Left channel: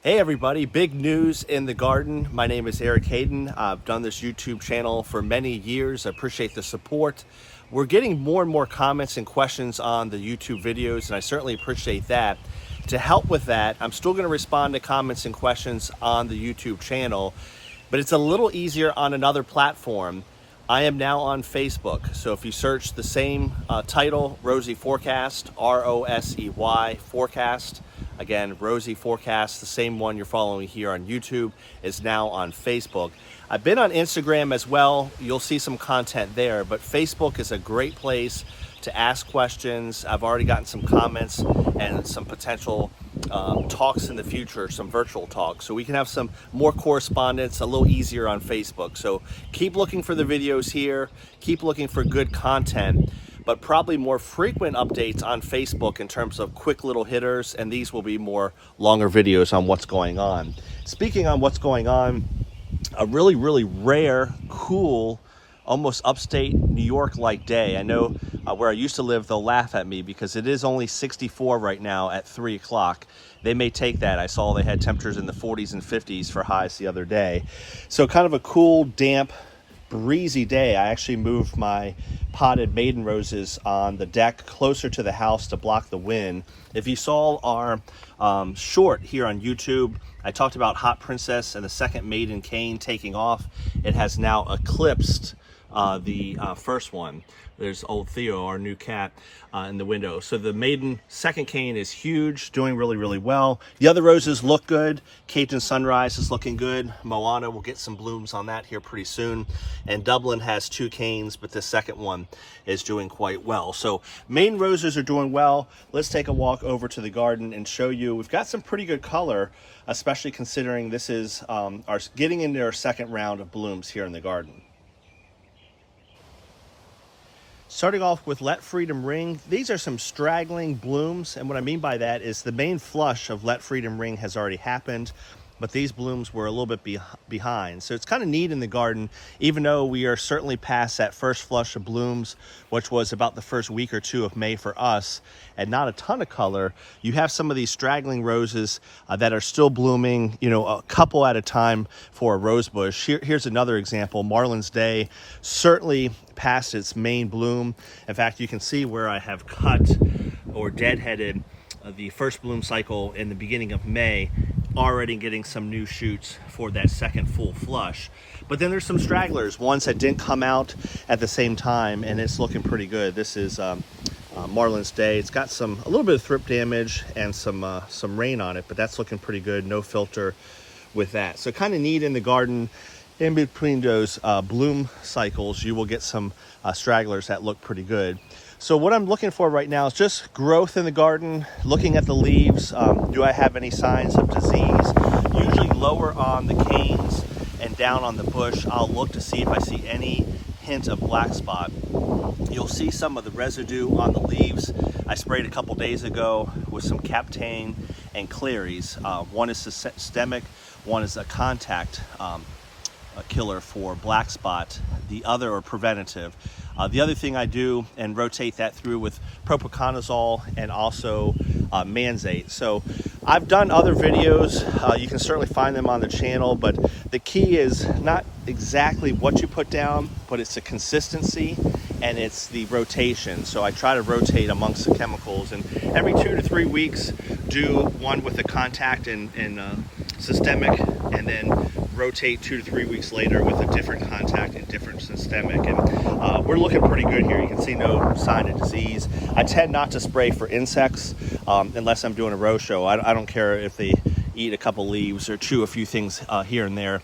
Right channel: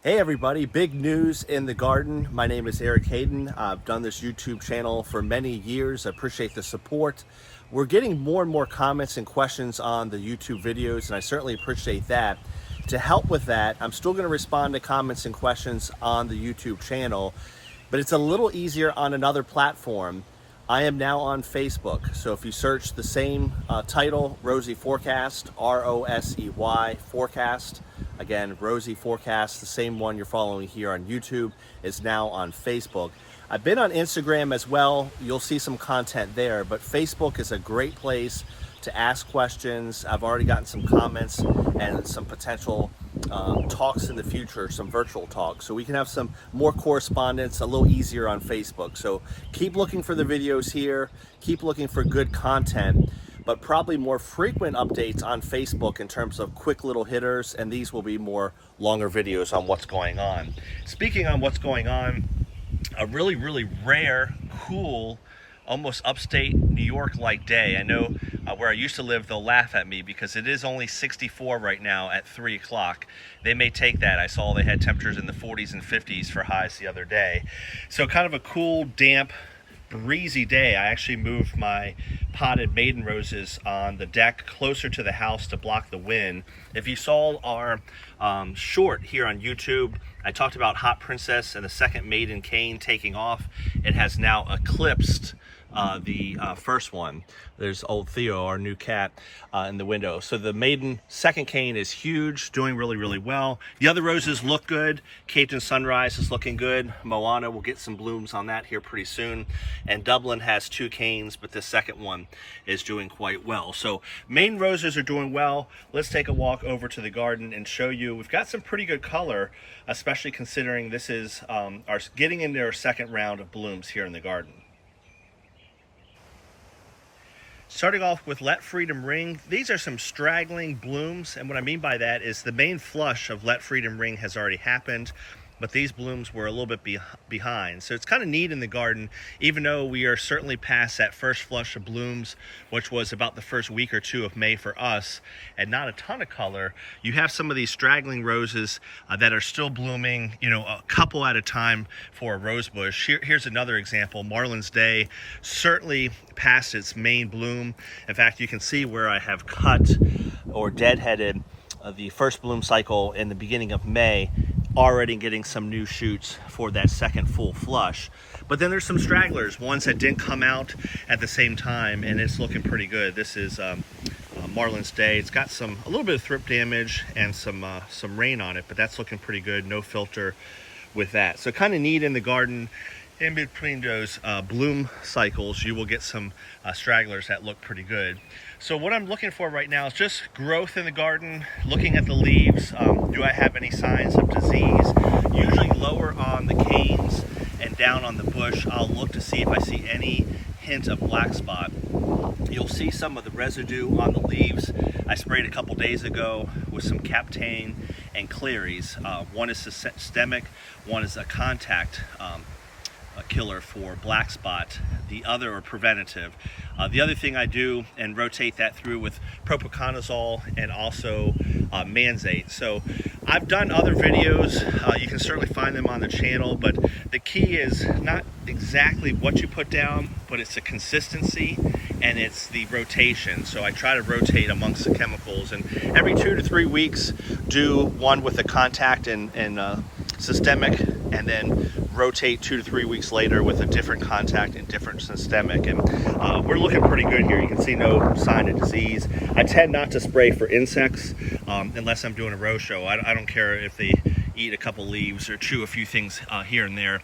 Hey everybody, big news in the garden. My name is Eric Hayden. I've done this YouTube channel for many years. I appreciate the support. We're getting more and more comments and questions on the YouTube videos, and I certainly appreciate that. To help with that, I'm still going to respond to comments and questions on the YouTube channel, but it's a little easier on another platform. I am now on Facebook. So if you search the same title, Rosey Forecast, R-O-S-E-Y Forecast, again, Rosey Forecast, the same one you're following here on YouTube, is now on Facebook. I've been on Instagram as well. You'll see some content there, but Facebook is a great place to ask questions. I've already gotten some comments and some potential talks in the future, some virtual talks. So we can have some more correspondence a little easier on Facebook. So keep looking for the videos here, keep looking for good content, but probably more frequent updates on Facebook in terms of quick little hitters, and these will be more longer videos on what's going on. Speaking on what's going on, a really, really rare, cool, almost upstate New York-like day. I know where I used to live, they'll laugh at me because it is only 64 right now at 3 o'clock. They may take that. I saw they had temperatures in the 40s and 50s for highs the other day. So kind of a cool, damp, breezy day. I actually moved my potted maiden roses on the deck closer to the house to block the wind. If you saw our short here on YouTube, I talked about Hot Princess and the second maiden cane taking off. It has now eclipsed the first one. There's old Theo, our new cat, in the window. So the maiden second cane is huge, doing really, really well. The other roses look good. Cape Town Sunrise is looking good. Moana will get some blooms on that here pretty soon. And Dublin has 2 canes, but the second one is doing quite well. So maiden roses are doing well. Let's take a walk over to the garden and show you. We've got some pretty good color, especially considering this is our getting into our second round of blooms here in the garden. Starting off with Let Freedom Ring, these are some straggling blooms, and what I mean by that is the main flush of Let Freedom Ring has already happened, but these blooms were a little bit behind. So it's kind of neat in the garden, even though we are certainly past that first flush of blooms, which was about the first week or two of May for us, and not a ton of color. You have some of these straggling roses that are still blooming, you know, a couple at a time for a rose bush. Here's another example. Marlin's Day, certainly past its main bloom. In fact, you can see where I have cut or deadheaded the first bloom cycle in the beginning of May, already getting some new shoots for that second full flush. But then there's some stragglers, ones that didn't come out at the same time, and it's looking pretty good. This is Marlin's Day. It's got a little bit of thrip damage and some rain on it, but that's looking pretty good. No filter with that. So kind of neat in the garden. In between those bloom cycles, you will get some stragglers that look pretty good. So what I'm looking for right now is just growth in the garden, looking at the leaves. Do I have any signs of disease? Usually lower on the canes and down on the bush, I'll look to see if I see any hint of black spot. You'll see some of the residue on the leaves. I sprayed a couple days ago with some Captane and Claries. One is systemic, one is a contact killer for black spot, the other are preventative. The other thing I do and rotate that through with propiconazole and also Manzate. So I've done other videos, you can certainly find them on the channel, but the key is not exactly what you put down, but it's the consistency and it's the rotation. So I try to rotate amongst the chemicals, and every 2 to 3 weeks do one with a contact and systemic, and then rotate 2 to 3 weeks later with a different contact and different systemic. And we're looking pretty good here. You can see no sign of disease. I tend not to spray for insects unless I'm doing a row show. I don't care if they eat a couple leaves or chew a few things here and there.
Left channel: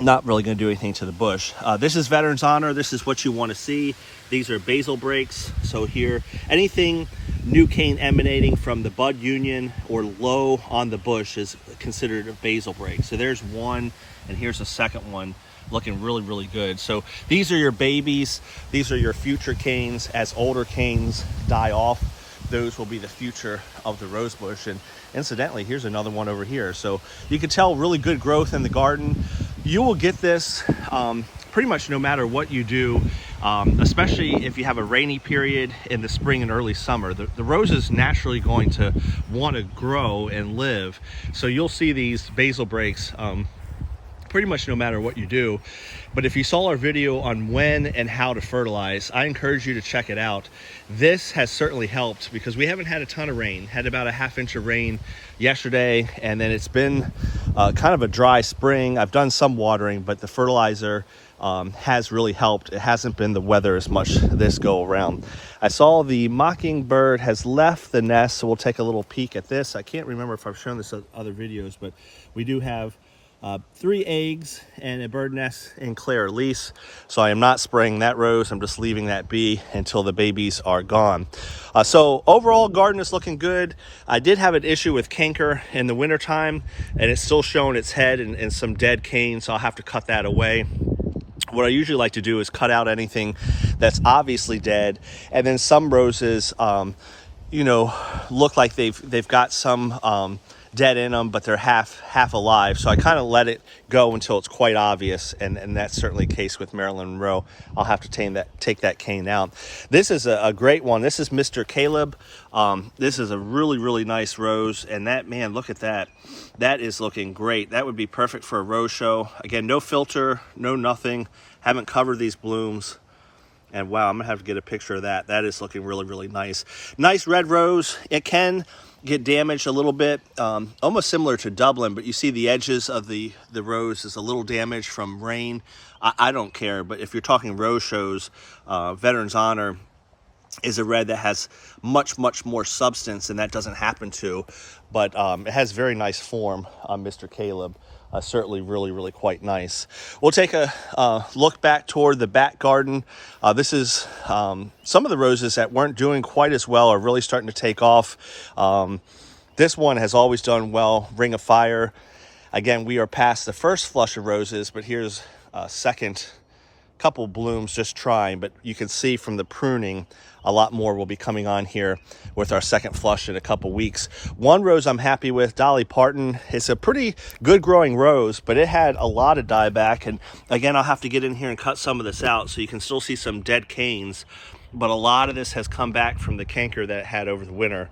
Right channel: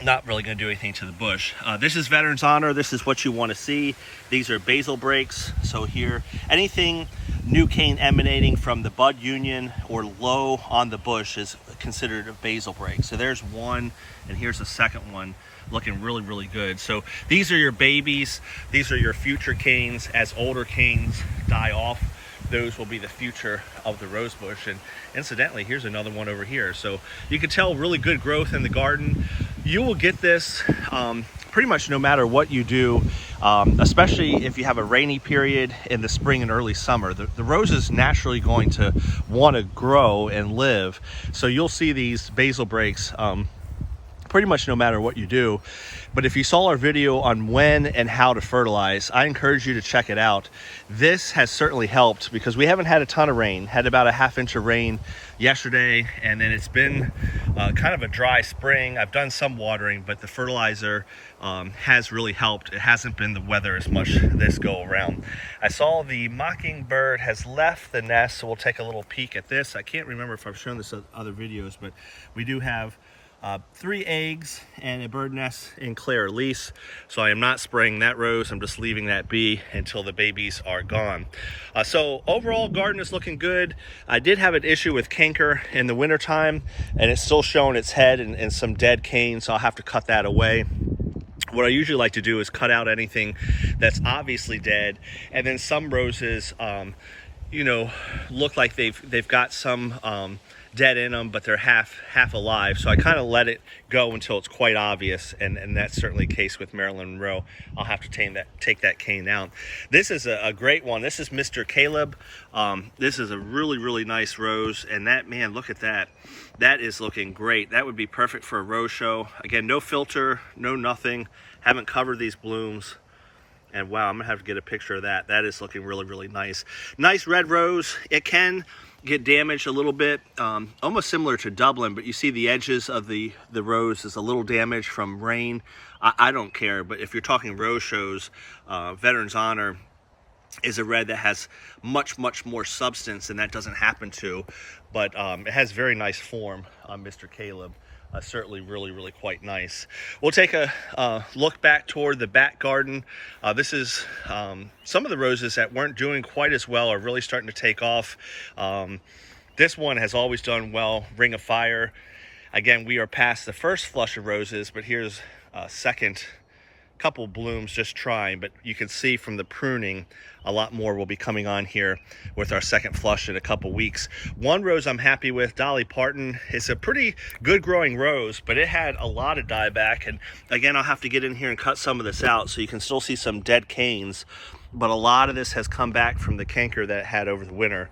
Not really going to do anything to the bush. This is Veterans Honor. This is what you want to see. These are basal breaks. So here, anything new cane emanating from the bud union or low on the bush is considered a basal break. So there's one, and here's a second one looking really, really good. So these are your babies. These are your future canes. As older canes die off, those will be the future of the rose bush. And incidentally, here's another one over here. So you can tell really good growth in the garden. You will get this pretty much no matter what you do, especially if you have a rainy period in the spring and early summer, the rose is naturally going to want to grow and live. So you'll see these basal breaks pretty much no matter what you do. But if you saw our video on when and how to fertilize, I encourage you to check it out. This has certainly helped because we haven't had a ton of rain. Had about a ½ inch of rain yesterday, and then it's been kind of a dry spring. I've done some watering, but the fertilizer has really helped. It hasn't been the weather as much this go around. I saw the mockingbird has left the nest, so we'll take a little peek at this. I can't remember if I've shown this in other videos, but we do have 3 eggs and a bird nest in Claire Elise. So I am not spraying that rose. I'm just leaving that be until the babies are gone. So overall, garden is looking good. I did have an issue with canker in the wintertime, and it's still showing its head and some dead cane, so I'll have to cut that away. What I usually like to do is cut out anything that's obviously dead, and then some roses, you know, look like they've got some dead in them, but they're half alive. So I kind of let it go until it's quite obvious, and that's certainly the case with Marilyn Monroe. I'll have to take that cane out. This is a great one. This is Mr. Caleb. This is a really nice rose, and that, man, look at that. That is looking great. That would be perfect for a rose show. Again, no filter, no nothing. Haven't covered these blooms. And wow, I'm gonna have to get a picture of that. That is looking really nice. Nice red rose. It can get damaged a little bit, almost similar to Dublin, but you see the edges of the rose is a little damaged from rain. I don't care, but if you're talking rose shows, Veterans Honor is a red that has much more substance, and that doesn't happen to, but it has very nice form on Mr. Caleb. Certainly really quite nice. We'll take a look back toward the back garden. This is some of the roses that weren't doing quite as well are really starting to take off. This one has always done well, Ring of Fire. Again, we are past the first flush of roses, but here's a second couple blooms just trying, but you can see from the pruning a lot more will be coming on here with our second flush in a couple weeks. One rose I'm happy with, Dolly Parton. It's a pretty good growing rose, but it had a lot of dieback, and again, I'll have to get in here and cut some of this out so you can still see some dead canes, but a lot of this has come back from the canker that it had over the winter.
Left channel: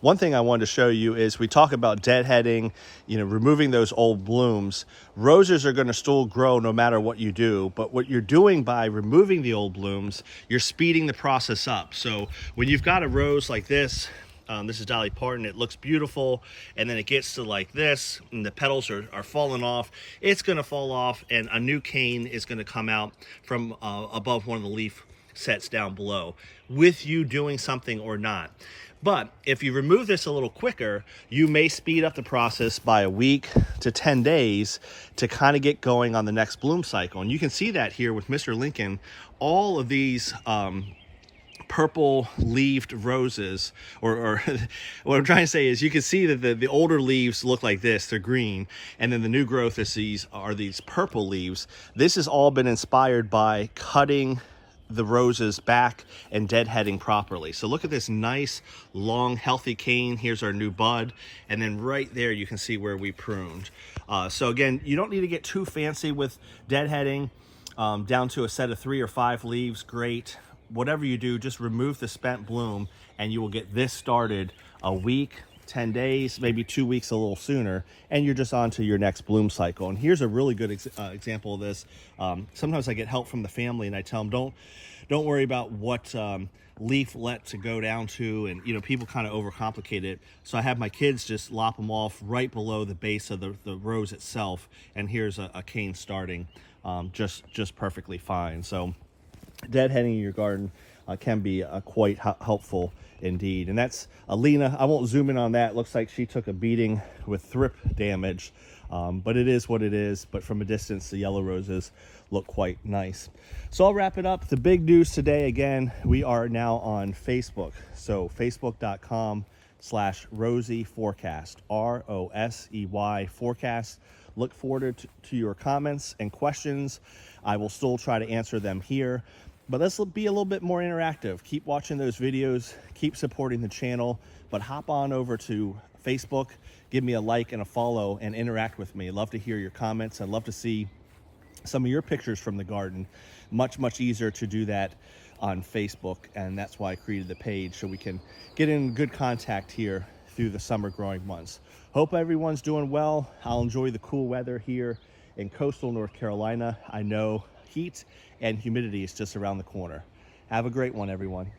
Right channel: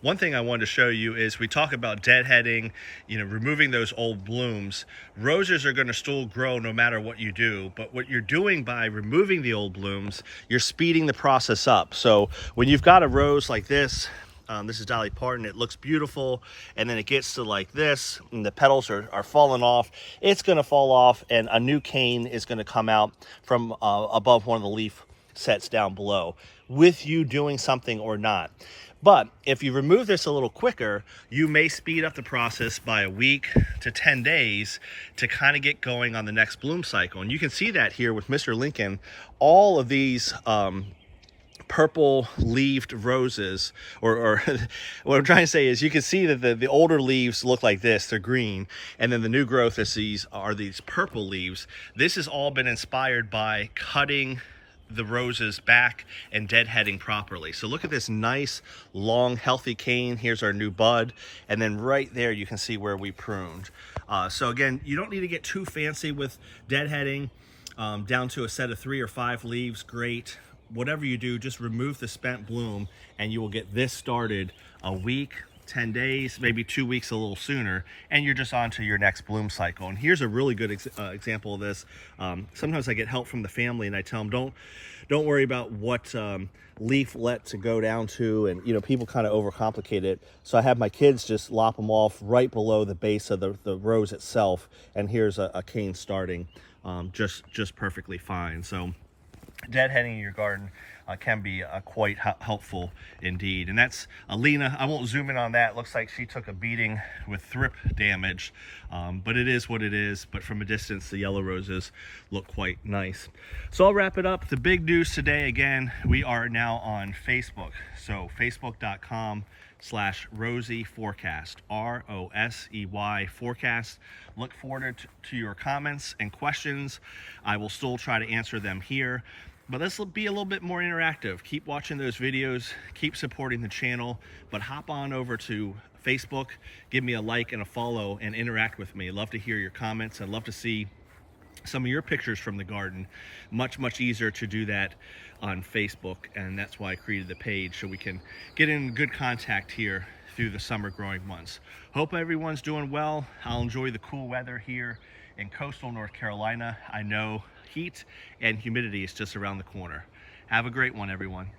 One thing I wanted to show you is we talk about deadheading, you know, removing those old blooms. Roses are going to still grow no matter what you do, but what you're doing by removing the old blooms, you're speeding the process up. So when you've got a rose like this is Dolly Parton, it looks beautiful, and then it gets to like this, and the petals are falling off. It's going to fall off, and a new cane is going to come out from above one of the leaf sets down below, with you doing something or not. But if you remove this a little quicker, you may speed up the process by a week to 10 days to kind of get going on the next bloom cycle. And you can see that here with Mr. Lincoln. All of these purple leaved roses, or what I'm trying to say is you can see that the older leaves look like this, they're green, and then the new growth is these purple leaves. This has all been inspired by cutting the roses back and deadheading properly. So look at this nice long healthy cane. Here's our new bud, and then right there you can see where we pruned. So again, you don't need to get too fancy with deadheading. Down to a set of 3 or 5 leaves, great. Whatever you do, just remove the spent bloom and you will get this started a week, 10 days, maybe 2 weeks, a little sooner, and you're just on to your next bloom cycle. And here's a really good example of this. Sometimes I get help from the family and I tell them, don't worry about what leaflet to go down to, and you know, people kind of overcomplicate it. So I have my kids just lop them off right below the base of the rose itself, and here's a cane starting just perfectly fine. So deadheading your garden can be quite helpful indeed. And that's Alina. I won't zoom in on that. Looks like she took a beating with thrip damage, but it is what it is. But from a distance, the yellow roses look quite nice. So I'll wrap it up. The big news today, again, we are now on Facebook. So facebook.com/Rosey Forecast, ROSEY Forecast. Look forward to your comments and questions. I will still try to answer them here, but let's be a little bit more interactive. Keep watching those videos, keep supporting the channel, but hop on over to Facebook, give me a like and a follow, and interact with me. I'd love to hear your comments. I'd love to see some of your pictures from the garden. Much easier to do that on Facebook, and that's why I created the page, so we can get in good contact here through the summer growing months. Hope everyone's doing well. I'll enjoy the cool weather here in coastal North Carolina. I know heat and humidity is just around the corner. Have a great one, everyone.